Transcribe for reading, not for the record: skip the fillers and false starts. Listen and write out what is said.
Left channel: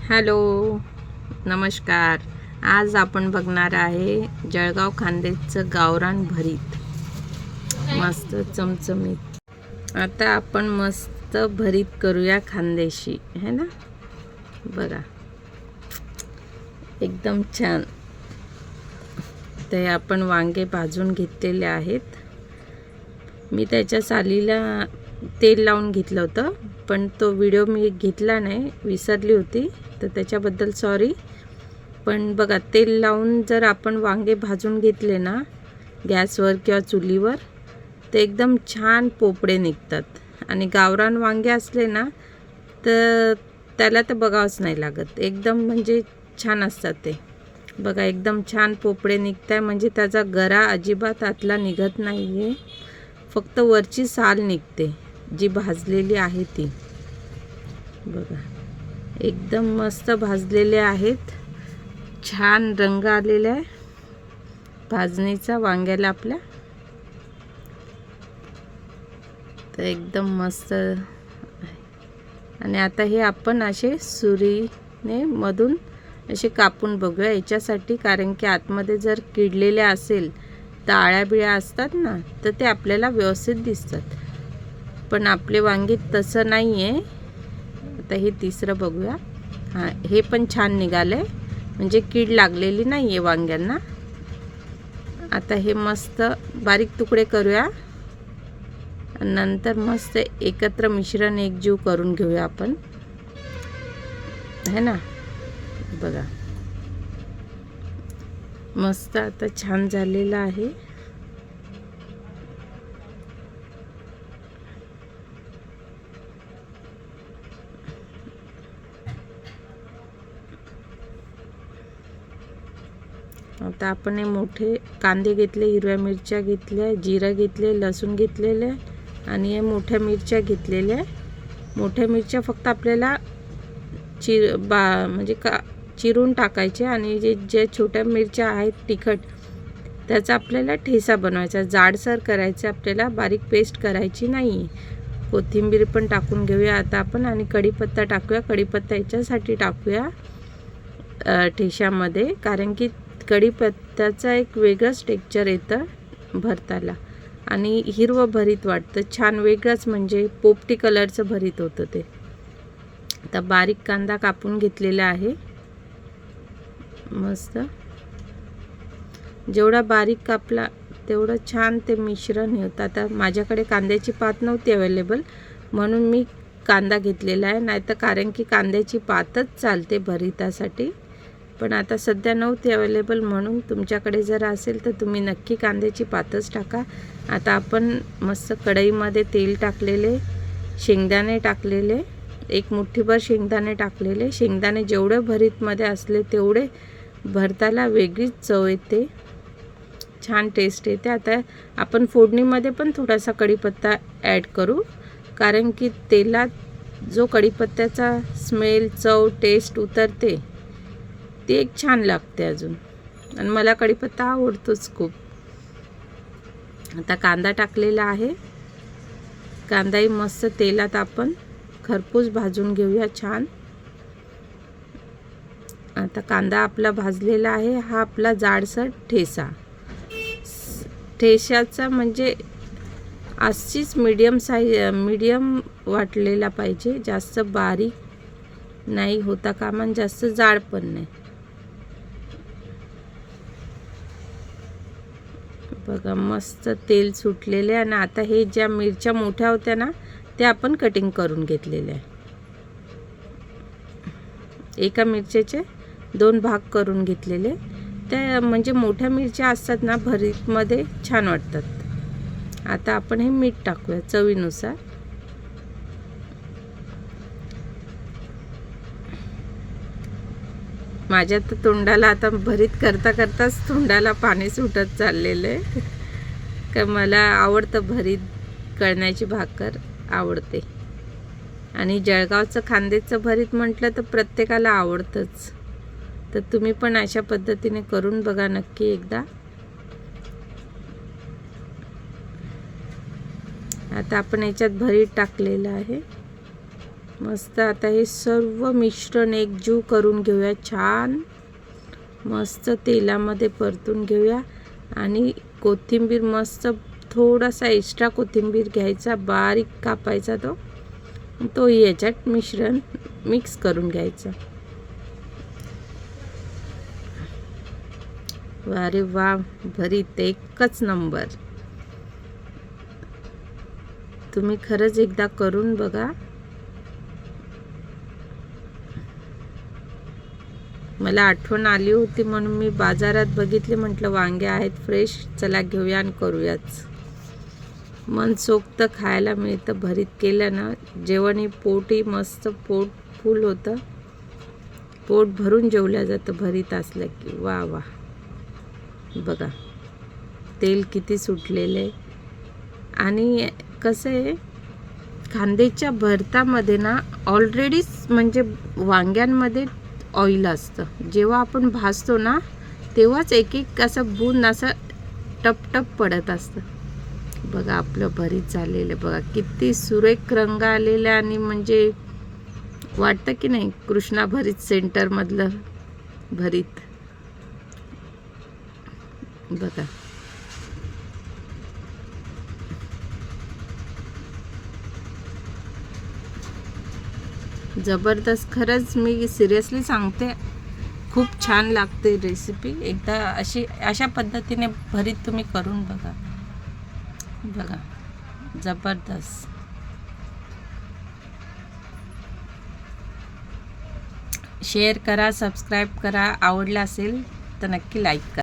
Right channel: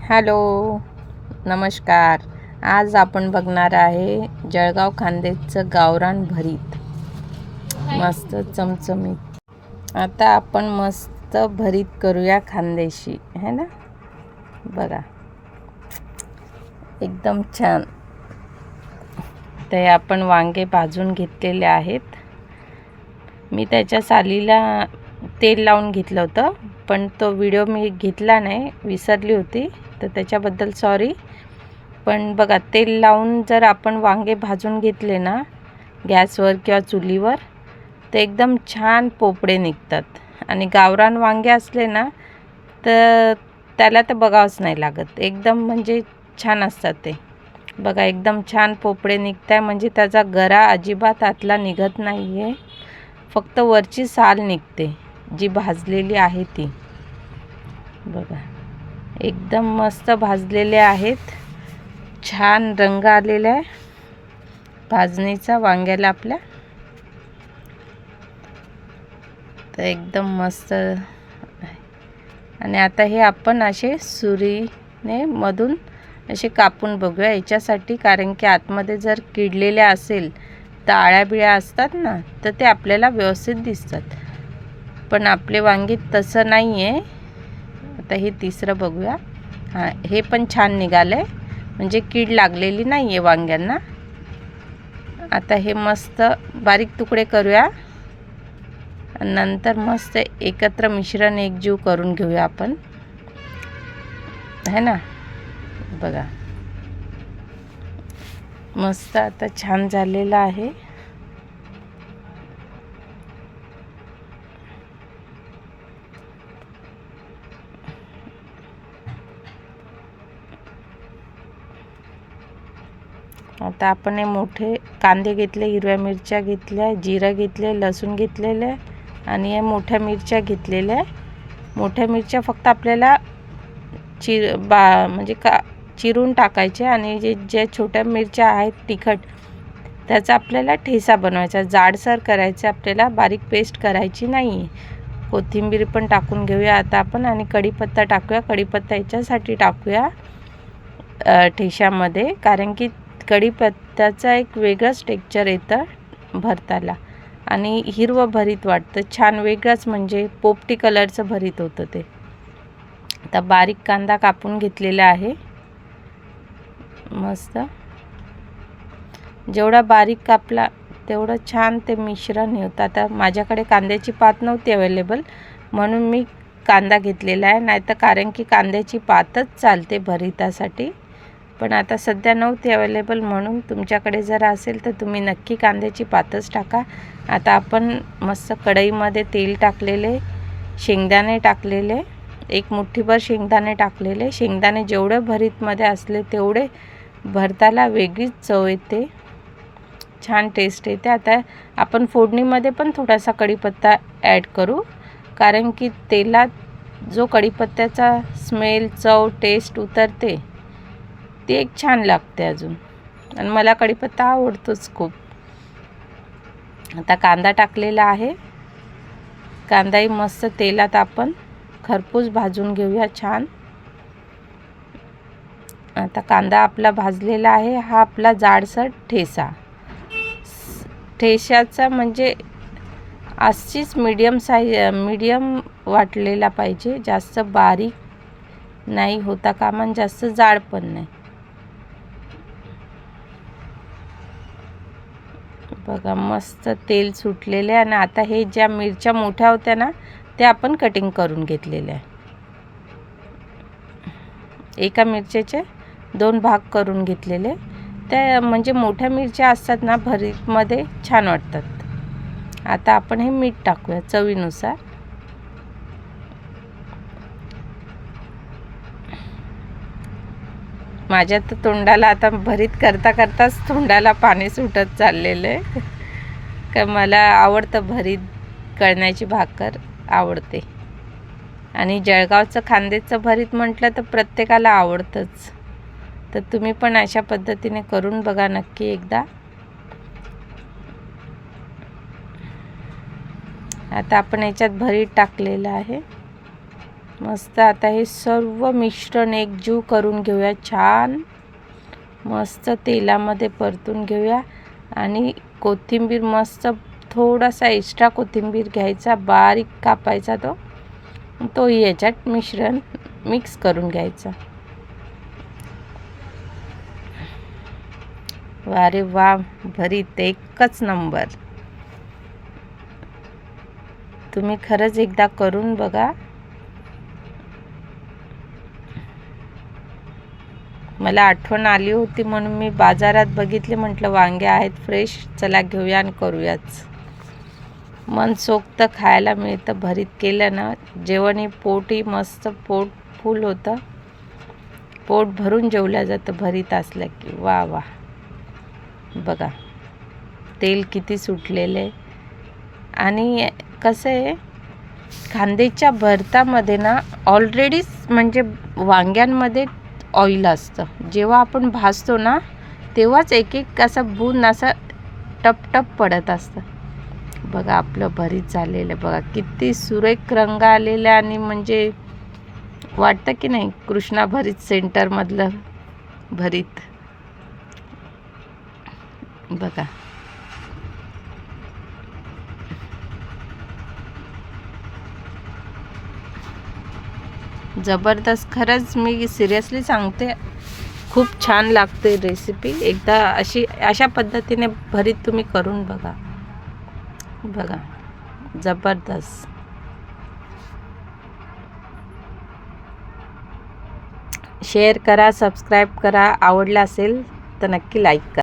Hello, नमस्कार. आज आपण बघणार आहे जळगाव खानदेशचं गावरान भरीत, मस्त चमचमीत. आता आपण मस्त भरीत करूया खानदेशी, है ना. बघा, एकदम छान. ते आपण वांगे भाजून घेतलेले आहेत. मी त्याच्या सालीला तेल लावून घेतलं होतं, पण तो व्हिडिओ मी घेतला नाही, विसरली होती, तर त्याच्याबद्दल सॉरी. पण बघा, तेल लावून जर आपण वांगे भाजून घेतले ना गॅसवर किंवा चुलीवर, तर एकदम छान पोपडे निघतात. आणि गावरान वांगे असले ना तर त्याला तर बघावंच नाही लागत, एकदम म्हणजे छान असतात ते. बघा, एकदम छान पोपडे निघत आहे, म्हणजे त्याचा गरा अजिबात आतला निघत नाही आहे, फक्त वरची साल निघते जी भाजलेली आहे ती. बघा, एकदम मस्त भाजलेले आहेत, छान रंग आलेला आहे भाजणीचा वांग्याला आपल्या. तर एकदम मस्त. आणि आता हे आपण असे सुरीने मधून असे कापून बघूया याच्यासाठी, कारण की आतमध्ये जर किडलेल्या असेल तर आळ्या बिळ्या असतात ना, तर ते आपल्याला व्यवस्थित दिसतात. पण आपले वांगे तसं नाही आहे. आता हे तिसरं बघूया. हां, हे पण छान निघालं आहे, म्हणजे कीड लागलेली नाही आहे वांग्यांना. आता हे मस्त बारीक तुकडे करूया, नंतर मस्त एकत्र मिश्रण एकजीव करून घेऊया आपण, है ना. बघा, मस्त आता छान झालेलं आहे. आता आपण हे मोठे कांदे घेतले, हिरव्या मिरच्या घेतल्या, जिरं घेतले, लसूण घेतलेले, आणि हे मोठ्या मिरच्या घेतलेल्या. मोठ्या मिरच्या फक्त आपल्याला म्हणजे चिरून टाकायचे, आणि जे छोट्या मिरच्या आहेत तिखट, त्याचा आपल्याला ठेचा बनवायचा, जाडसर करायचं आपल्याला, बारीक पेस्ट करायची नाही. कोथिंबीर पण टाकून घेऊया आता आपण, आणि कढीपत्ता टाकूया. कढीपत्ता याच्यासाठी टाकूया ठेच्यामध्ये, कारण की कढीपत्त्याचा एक वेगळंच टेक्स्चर येतं भरताला, आणि हिरवं भरीत वाटतं छान, वेगळंच म्हणजे पोपटी कलरचं भरीत होतं ते. आता बारीक कांदा कापून घेतलेला आहे मस्त. जेवढा बारीक कापला तेवढं छान ते मिश्रण होतं. आता माझ्याकडे कांद्याची पात नव्हती अवेलेबल, म्हणून मी कांदा घेतलेला आहे, नाहीतर कारण की कांद्याची पातच चालते भरितासाठी. पण आता सध्या नव्हती अवेलेबल, म्हणून तुमच्याकडे जर असेल तर तुम्ही नक्की कांद्याची पातच टाका. आता आपण मस्त कढईमध्ये तेल टाकलेले, शेंगदाणे टाकलेले, एक मुठ्ठीभर शेंगदाणे टाकलेले. शेंगदाणे जेवढे भरीतमध्ये असले तेवढे भरताला वेगळीच चव येते, छान टेस्ट येते. आता आपण फोडणीमध्ये पण थोडासा कढीपत्ता ॲड करू, कारण की तेलात जो कढीपत्त्याचा स्मेल, चव, टेस्ट उतरते ती एक छान लागते अजून, आणि मला कढीपत्ता आवडतोच खूप. आता कांदा टाकलेला आहे, कांदाही मस्त तेलात आपण खरपूस भाजून घेऊया छान. आता कांदा आपला भाजलेला आहे. हा आपला जाडसर ठेच्याचा म्हणजे अशीच मीडियम वाटलेला पाहिजे, जास्त बारीक नाही होता कामा, जास्त जाड पण नाही. बघा, मस्त तेल सुटलेले. आणि आता हे ज्या मिरच्या मोठ्या होत्या ना, त्या आपण कटिंग करून घेतलेल्या आहे. एका मिरच्याचे 2 भाग करून घेतलेले, त्या म्हणजे मोठ्या मिरच्या असतात ना भरीतमध्ये, छान वाटतात. आता आपण हे मीठ टाकूया चवीनुसार. माझ्या तर तोंडाला आता भरीत करता करताच तोंडाला पाणी सुटत चाललेलं आहे, का मला आवडतं भरीत, कळण्याची भाकर आवडते. आणि जळगावचं खानदेशचं भरीत म्हटलं तर प्रत्येकाला आवडतंच. तर तुम्ही पण अशा पद्धतीने करून बघा नक्की एकदा. आता आपण याच्यात भरीत टाकलेलं आहे. मस्त आता हे सर्व मिश्रण एकजीव करून घेऊया. छान मस्त तेलामध्ये परतून घेऊया. आणि कोथिंबीर मस्त थोडासा एक्स्ट्रा कोथिंबीर घ्यायचा, बारीक कापायचा, तो याच्यात मिश्रण मिक्स करून घ्यायचा. अरे वा, भरीत एकच नंबर. तुम्ही खरंच एकदा करून बघा. मला आठवण आली होती म्हणून मी बाजारात बघितले, म्हटलं वांगे आहेत फ्रेश, चला घेऊया आणि करूयाच. मनसोक्त खायला मिळतं. भरीत केलं ना जेवणही पोटही मस्त पोट फुल होतं. पोट भरून जेवलं जातं भरीत असलं की. वा वा, बघा तेल किती सुटलेलं आहे. आणि कसं आहे, कांद्याच्या भरतामध्ये ना ऑलरेडीच म्हणजे वांग्यांमध्ये ऑइल असतं. जेव्हा आपण भाजतो ना तेव्हाच एक एक असं बूंद असं टपटप पडत असतं. बघा आपलं भरीत झालेलं, बघा किती सुरेख रंग आलेला. आणि म्हणजे वाटतं की नाही कृष्णा भरीत सेंटरमधलं भरीत. बघा जबरदस्त. खरंच मी सिरियसली सांगते, खूप छान लागते रेसिपी. एकदा अशा पद्धतीने भरीत तुम्ही करून बघा. बघा जबरदस्त. शेअर करा, सबस्क्राईब करा. आवडला असेल तर नक्की लाईक करा.